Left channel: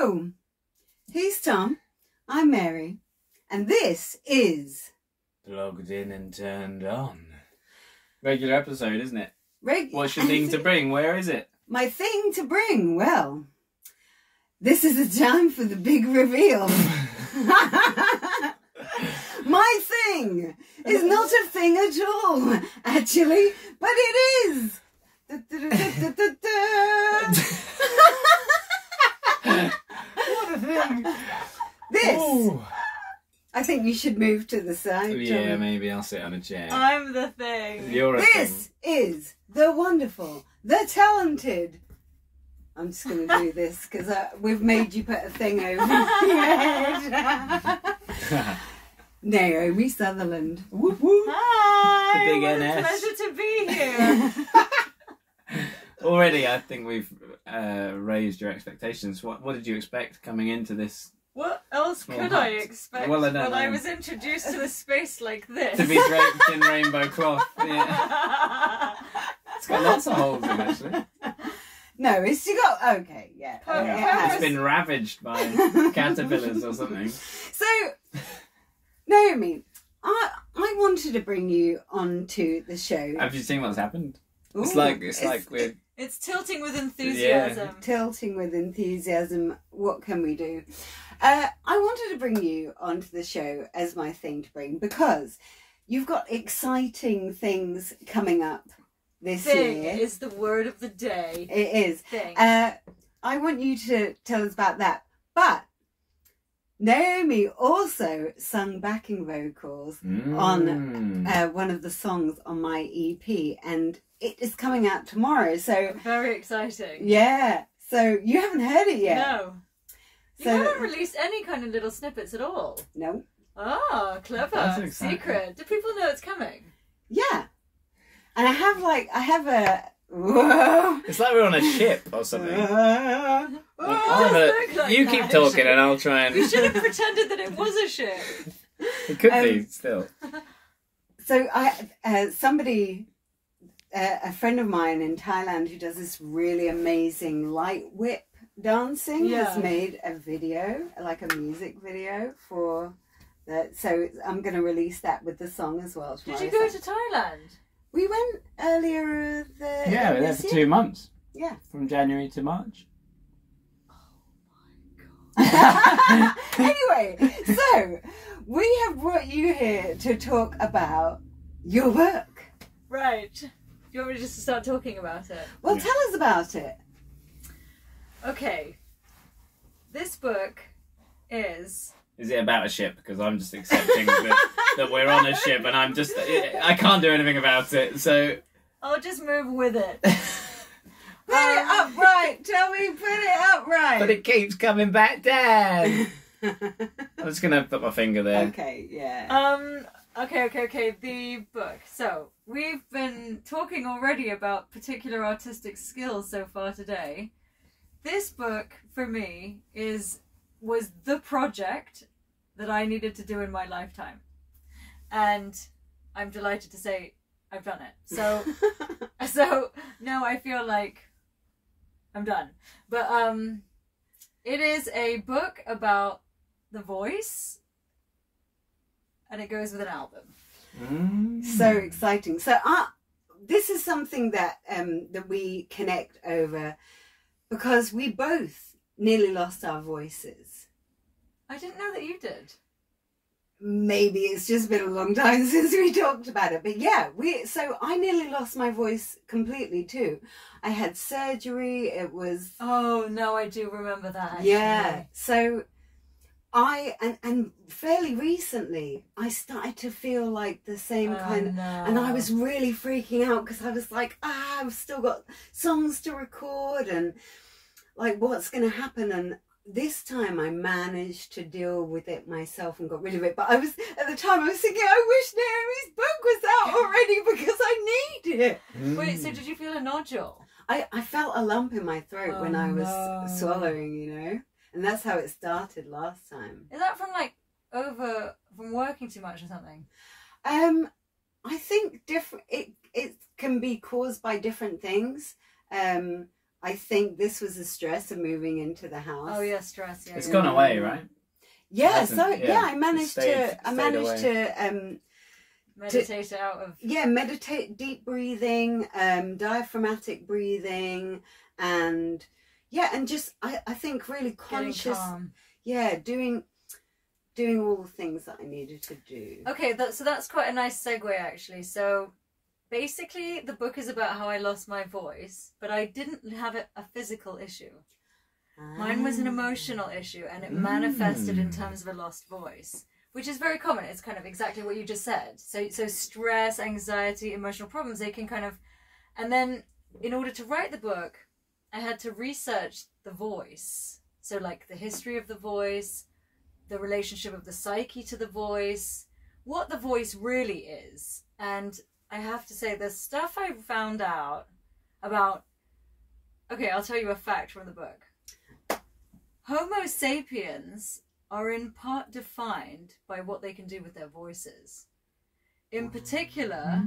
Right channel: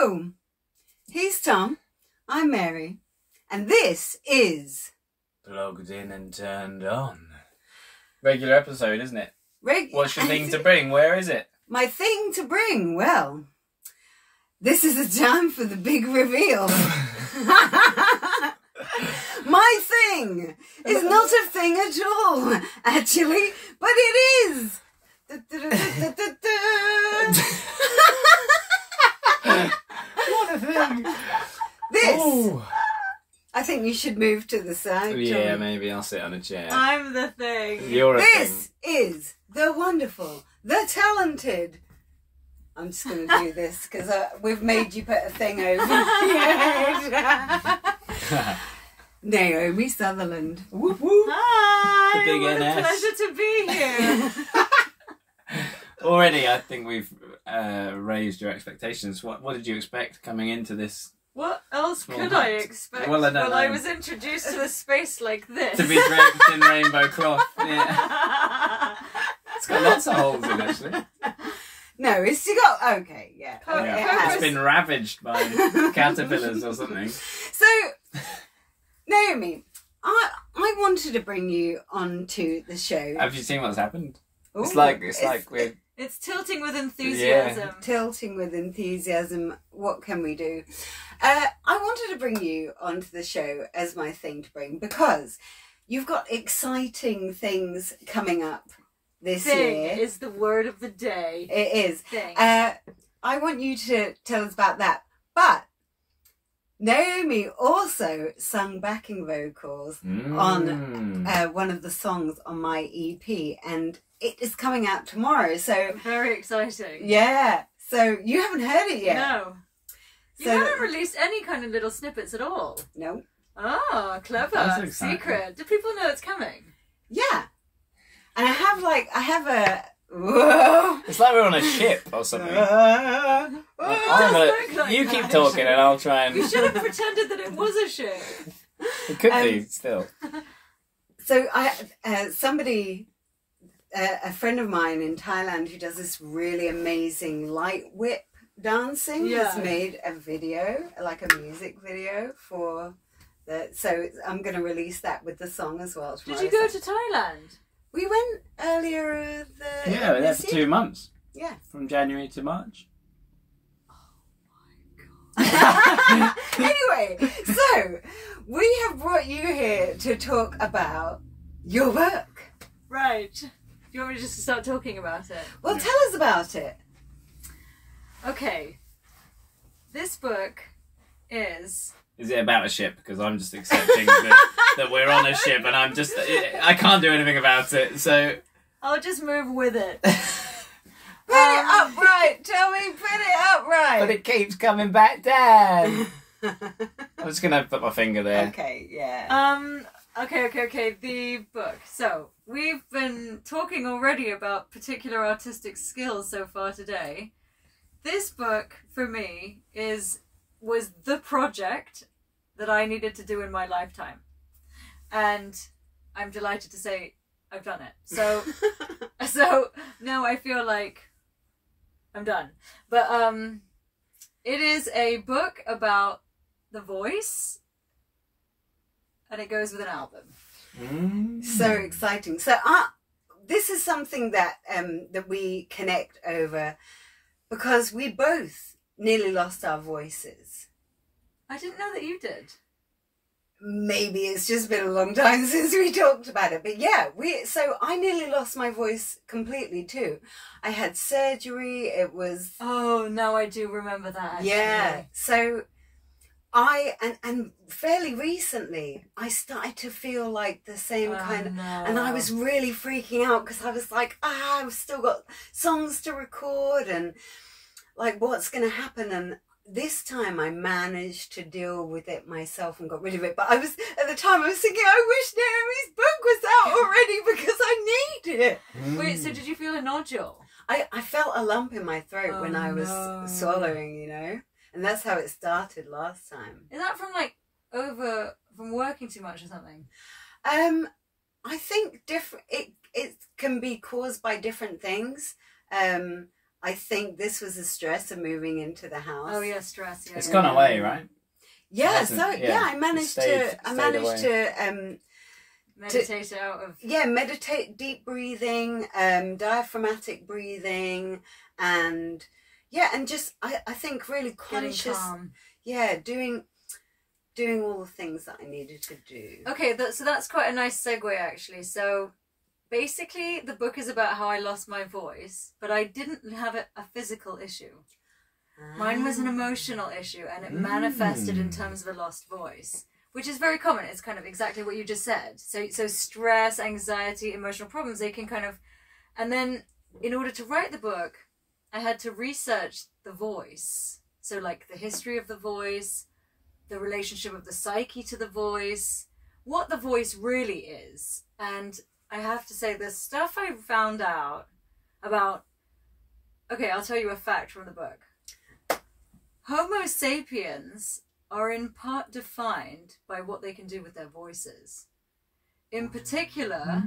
Hello, he's Tom, I'm Mary, and this is... Logged in and turned on. Regular episode, isn't it? What's your thing to bring? Where is it? My thing to bring? Well, this is the time for the big reveal. My thing is not a thing at all, actually, but it is. What a thing! This. Ooh. I think you should move to the side. Yeah, John. maybe I'll sit on a chair. I'm the thing. You're a thing. This is the wonderful, the talented. I'm just going to do this because we've made you put a thing over your head. Naomi Sutherland. Whoop, whoop. Hi, The big what NS. a pleasure to be here. Already, I think we've raised your expectations. What did you expect coming into this? What else Small could hut. I expect? Well, I don't know. I was introduced to a space like this. To be draped in rainbow cloth. Yeah. It's got lots of holes in, actually. No, it's you got okay, yeah. It's been ravaged by caterpillars or something. So, Naomi, I wanted to bring you onto the show. Have you seen what's happened? Ooh, It's like we're It's tilting with enthusiasm. tilting with enthusiasm. What can we do? I wanted to bring you onto the show as my thing to bring because you've got exciting things coming up this Thing year. is the word of the day. It is. Thing. I want you to tell us about that. But Naomi also sung backing vocals on one of the songs on my EP, and it is coming out tomorrow. So Very exciting. yeah. So you haven't heard it yet? No. You haven't released any kind of little snippets at all. No. Oh, clever. That's exciting. Secret. Do people know it's coming? Yeah. And I have a whoa. It's like we're on a ship or something. does look like You that, keep talking actually. and I'll try and... You should have pretended that it was a ship. It could be, still. So a friend of mine in Thailand who does this really amazing light whip dancing has Yeah. made a video, like a music video for that. So I'm going to release that with the song as well. Did you go to Thailand? We went earlier Yeah, we're there this for year. 2 months. Yeah. From January to March. Anyway, so we have brought you here to talk about your work. Right. Do you want me just to start talking about it? Well, tell us about it. Okay. This book is... Is it about a ship? Because I'm just accepting that we're on a ship and I can't do anything about it, so... I'll just move with it. Put it upright. Tell me, put it upright. But it keeps coming back down. I'm just going to put my finger there. Okay, yeah. Okay. The book. So, we've been talking already about particular artistic skills so far today. This book, for me, was the project that I needed to do in my lifetime. And I'm delighted to say I've done it. So now I feel like I'm done. But it is a book about the voice, and it goes with an album. So exciting. So this is something that that we connect over because we both nearly lost our voices. I didn't know that you did. Maybe it's just been a long time since we talked about it, but yeah, so I nearly lost my voice completely too. I had surgery. It was Oh, no, I do remember that. Actually. yeah. So and fairly recently I started to feel like the same kind of, and I was really freaking out because I was like, I've still got songs to record and like what's going to happen. And this time I managed to deal with it myself and got rid of it. But at the time I was thinking, I wish Naomi's book was out already because I need it. Wait, so did you feel a nodule? I felt a lump in my throat when I was swallowing, you know, and that's how it started last time. Is that from from working too much or something? I think it can be caused by different things. I think this was the stress of moving into the house. Oh yeah, stress. Yeah, it's gone away, right? Yeah, so I managed to meditate out of meditate, deep breathing, diaphragmatic breathing, and just I think really conscious, doing all the things that I needed to do. Okay, so that's quite a nice segue actually. So basically the book is about how I lost my voice, but I didn't have a physical issue. Mine was an emotional issue, and it manifested in terms of a lost voice, which is very common. It's kind of exactly what you just said. So stress, anxiety, emotional problems, they can kind of... And then in order to write the book, I had to research the voice. So like the history of the voice, the relationship of the psyche to the voice, what the voice really is. And I have to say, the stuff I found out about... Okay, I'll tell you a fact from the book. Homo sapiens are in part defined by what they can do with their voices. In particular,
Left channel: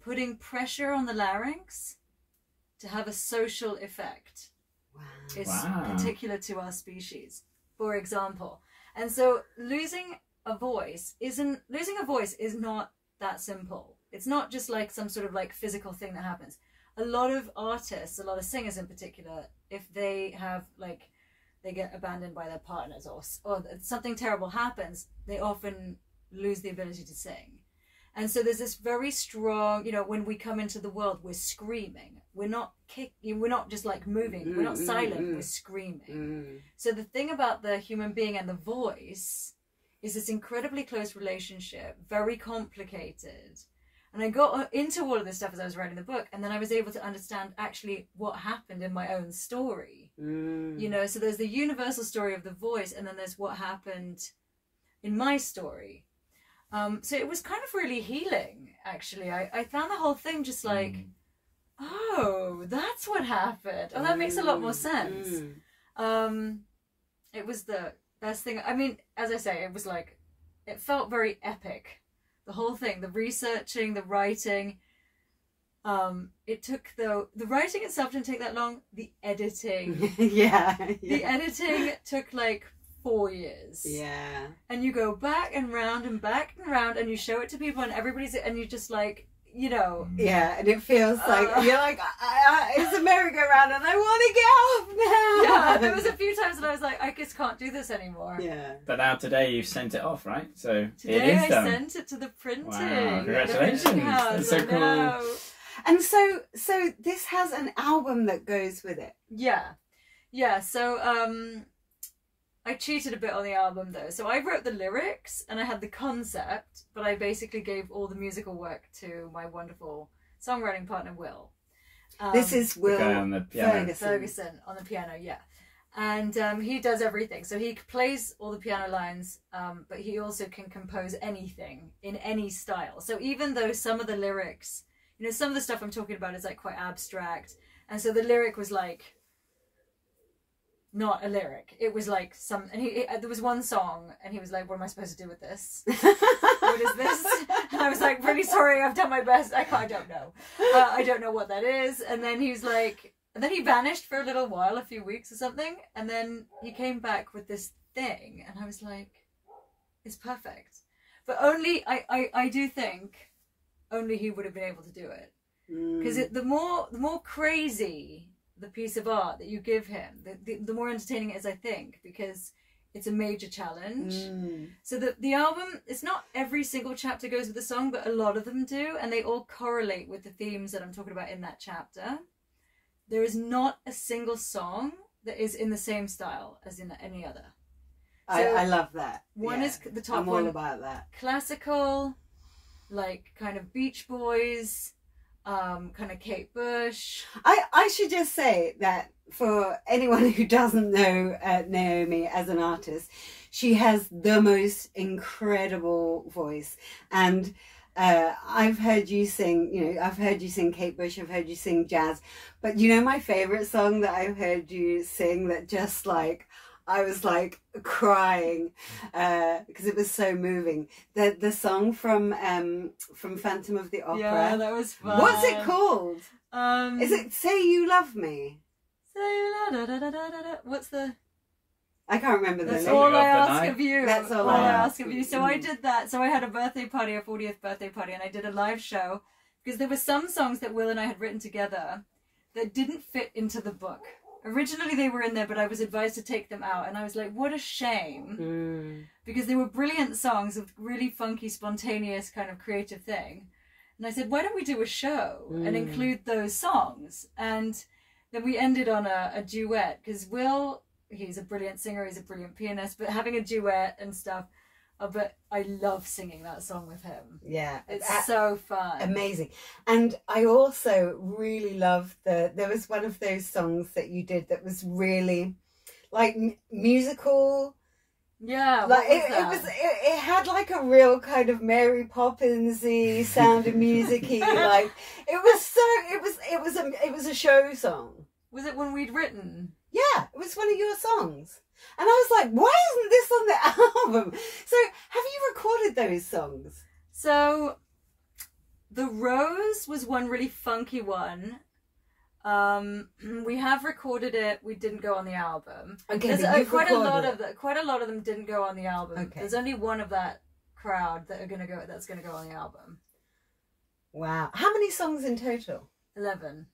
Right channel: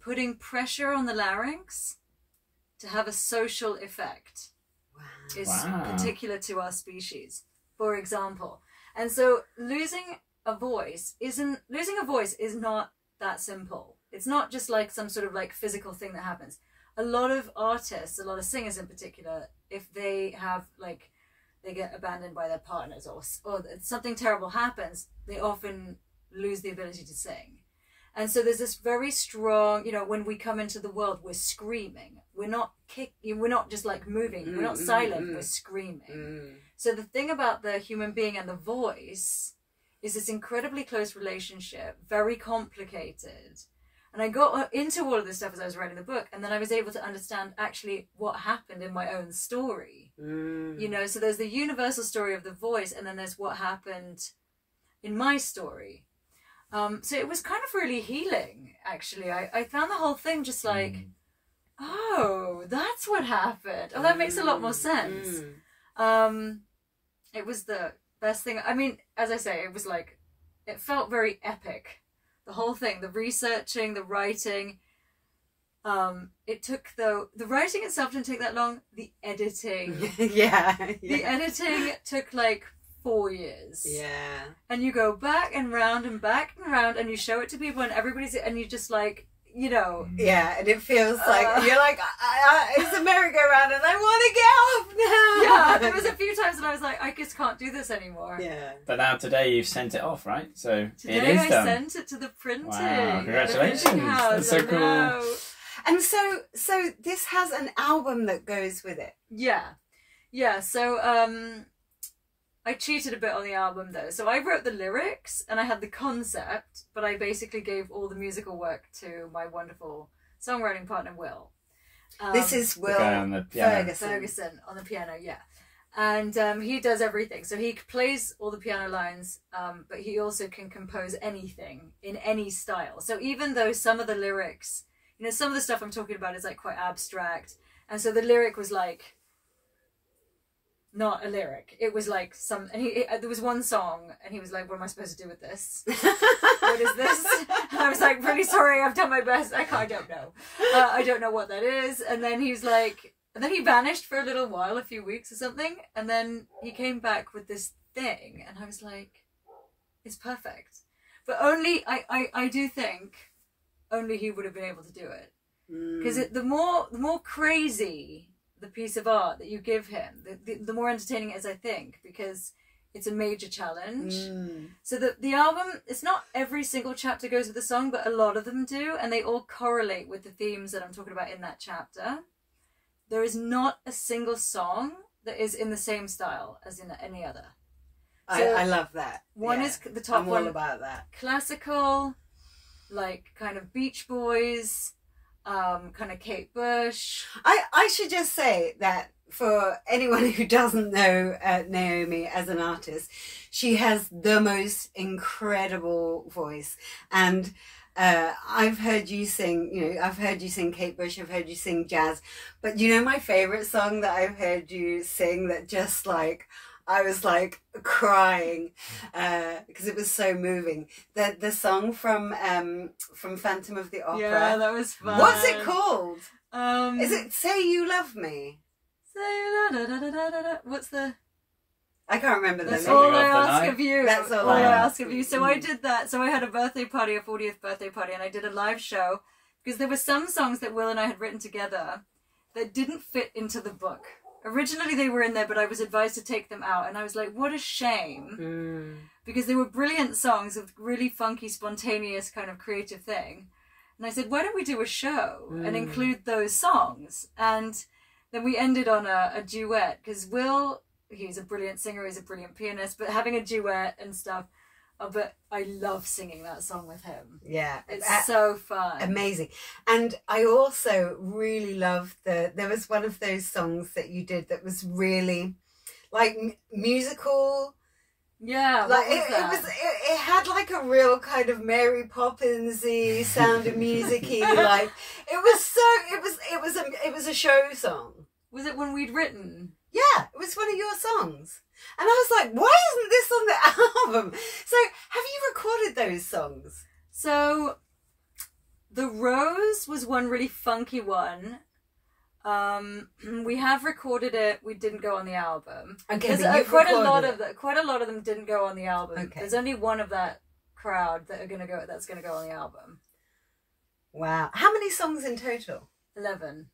putting pressure on the larynx to have a social effect is particular to our species, for example. And so losing a voice is not that simple. It's not just like some sort of like physical thing that happens. A lot of artists, a lot of singers in particular, if they have like, they get abandoned by their partners or something terrible happens, they often lose the ability to sing. And so there's this very strong, you know, when we come into the world, we're screaming. We're not just like moving. We're not silent. We're screaming. So the thing about the human being and the voice is this incredibly close relationship, very complicated. And I got into all of this stuff as I was writing the book, and then I was able to understand actually what happened in my own story. You know, so there's the universal story of the voice, and then there's what happened in my story. So it was kind of really healing, actually. I found the whole thing just like, oh, that's what happened. Oh, that makes a lot more sense. It was the best thing. I mean, as I say, it was like, it felt very epic. The whole thing, the researching, the writing. It took the writing itself didn't take that long. The editing, the editing took like 4 years. Yeah, and you go back and round and back and round, and you show it to people, and everybody's, and you just like, you know. Yeah, and it feels like you're like, it's a merry-go-round, and I want to get off now. Yeah, there was a few times that I was like, I just can't do this anymore. Yeah. But now today you've sent it off, right? So today it is done. I sent it to the printing. Wow, congratulations! The printing house. That's so cool. And so this has an album that goes with it. Yeah. So I cheated a bit on the album though. So I wrote the lyrics and I had the concept, but I basically gave all the musical work to my wonderful songwriting partner Will. This is Will Ferguson on the piano, yeah. And he does everything. So he plays all the piano lines, but he also can compose anything in any style. So even though some of the lyrics, you know, some of the stuff I'm talking about is like quite abstract, and so the lyric was like not a lyric. It was like some, and there was one song, and he was like, "What am I supposed to do with this? What is this?" And I was like, "Really sorry, I've done my best. I don't know. I don't know what that is." And then he was like, and then he vanished for a little while, a few weeks or something, and then he came back with this thing, and I was like, "It's perfect." But only I do think only he would have been able to do it, because the more crazy the piece of art that you give him, the more entertaining it is, I think, because it's a major challenge. So the album, it's not every single chapter goes with the song, but a lot of them do, and they all correlate with the themes that I'm talking about in that chapter. There is not a single song that is in the same style as in any other. So I love that. One is the top one. I'm all about that. Classical, like kind of Beach Boys, kind of Kate Bush. I should just say that for anyone who doesn't know Naomi as an artist, she has the most incredible voice. And I've heard you sing, you know, I've heard you sing Kate Bush, I've heard you sing jazz, but you know my favorite song that I've heard you sing that just like, I was like crying because it was so moving. The song from Phantom of the Opera. Yeah, that was fun. What's it called? Is it Say You Love Me? What's the... I can't remember the That's name. all I ask of you. That's all I ask of you. So I did that. So I had a birthday party, a 40th birthday party, and I did a live show because there were some songs that Will and I had written together that didn't fit into the book. Originally they were in there, but I was advised to take them out, and I was like, what a shame, because they were brilliant songs with really funky, spontaneous kind of creative thing. And I said, why don't we do a show and include those songs? And then we ended on a duet, because Will, he's a brilliant singer, he's a brilliant pianist, but having a duet and stuff, but I love singing that song with him. Yeah. It's so fun. Amazing. And I also really loved there was one of those songs that you did that was really like musical. Yeah. Like it had like a real kind of Mary Poppins-y Sound of Music-y, like it was a show song. Was it one we'd written? Yeah, it was one of your songs. And I was like, why isn't this on the album? So, have you recorded those songs? So, The Rose was one really funky one. We have recorded it. We didn't go on the album. Okay, quite a lot of them didn't go on the album. Okay. There's only one of that crowd that's gonna go on the album. Wow. How many songs in total? 11.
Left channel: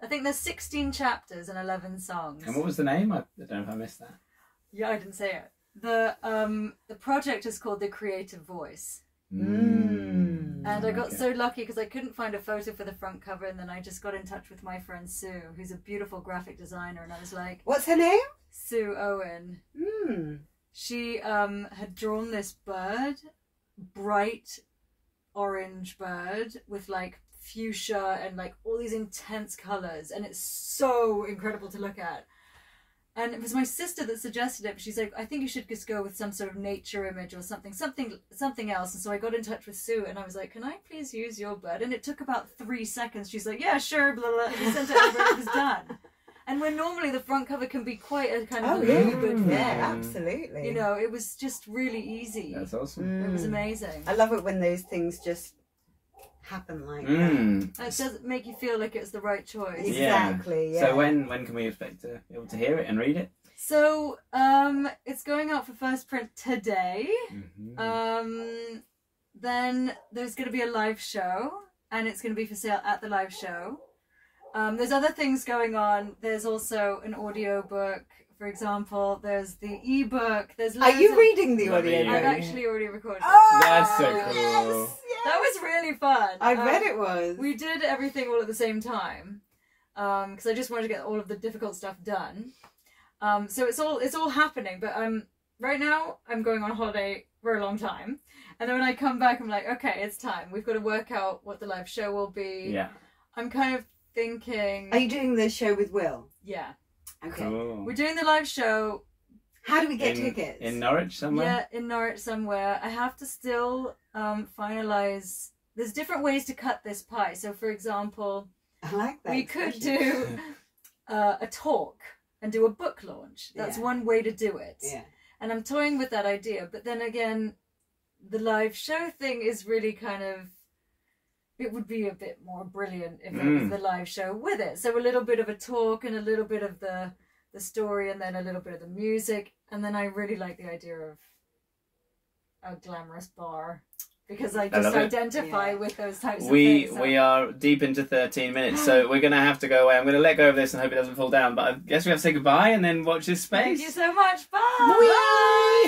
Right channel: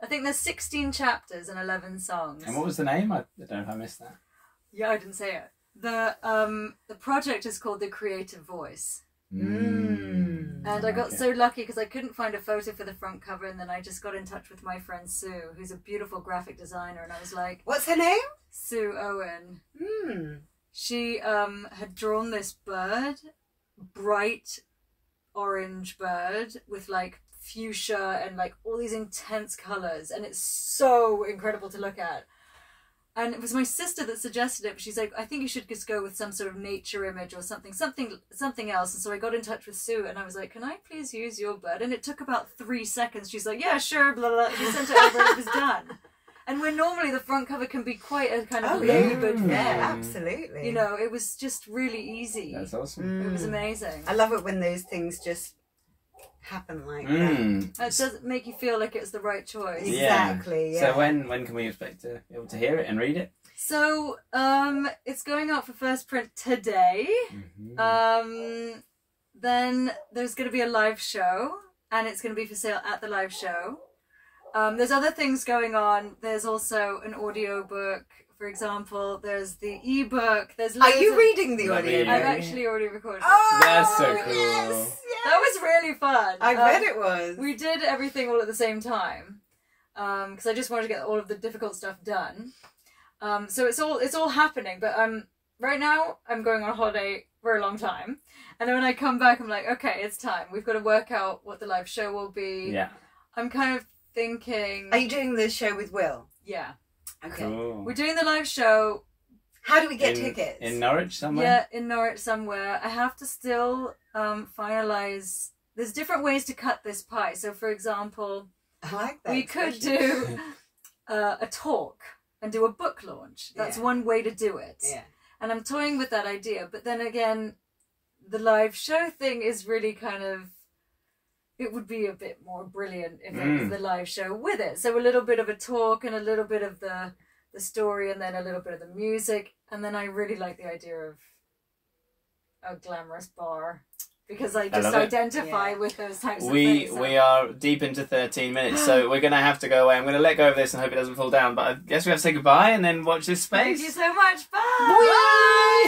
I think there's 16 chapters and 11 songs. And what was the name? I don't know if I missed that. Yeah, I didn't say it. The project is called The Creative Voice. Mm. And I got so lucky because I couldn't find a photo for the front cover, and then I just got in touch with my friend Sue, who's a beautiful graphic designer, and I was like... What's her name? Sue Owen. She had drawn this bird, bright orange bird with like fuchsia and like all these intense colours, and it's so incredible to look at. And it was my sister that suggested it, but she's like, I think you should just go with some sort of nature image or something else. And so I got in touch with Sue, and I was like, can I please use your bird? And it took about 3 seconds. She's like, yeah, sure, blah, blah. We sent it over and it was done. And where normally the front cover can be quite a kind of labored thing. Yeah, absolutely. You know, it was just really easy. That's awesome. It was amazing. I love it when those things just happen like that. It does make you feel like it was the right choice. Exactly. Yeah. So when can we expect to be able to hear it and read it? So it's going out for first print today. Then there's going to be a live show, and it's going to be for sale at the live show. There's other things going on. There's also an audio book, for example. There's the ebook. Are you reading the audio book? I've actually already recorded it. Oh, that's so cool. Yes. That was really fun. I bet it was. We did everything all at the same time because I just wanted to get all of the difficult stuff done. So it's all happening. But right now I'm going on a holiday for a long time, and then when I come back, I'm like, okay, it's time. We've got to work out what the live show will be. Yeah. I'm kind of thinking. Are you doing the show with Will? Yeah. Okay. Cool. We're doing the live show. How do we get tickets? In Norwich somewhere? Yeah, in Norwich somewhere. I have to still finalise. There's different ways to cut this pie. So, for example, I like that. We could do a talk and do a book launch. That's one way to do it. Yeah. And I'm toying with that idea. But then again, the live show thing is really kind of... It would be a bit more brilliant if it was the live show with it. So a little bit of a talk and a little bit of the story, and then a little bit of the music. And then I really like the idea of a glamorous bar, because I just identify with those types of things. We are deep into 13 minutes, so we're going to have to go away. I'm going to let go of this and hope it doesn't fall down. But I guess we have to say goodbye and then watch this space. Thank you so much. Bye. Bye.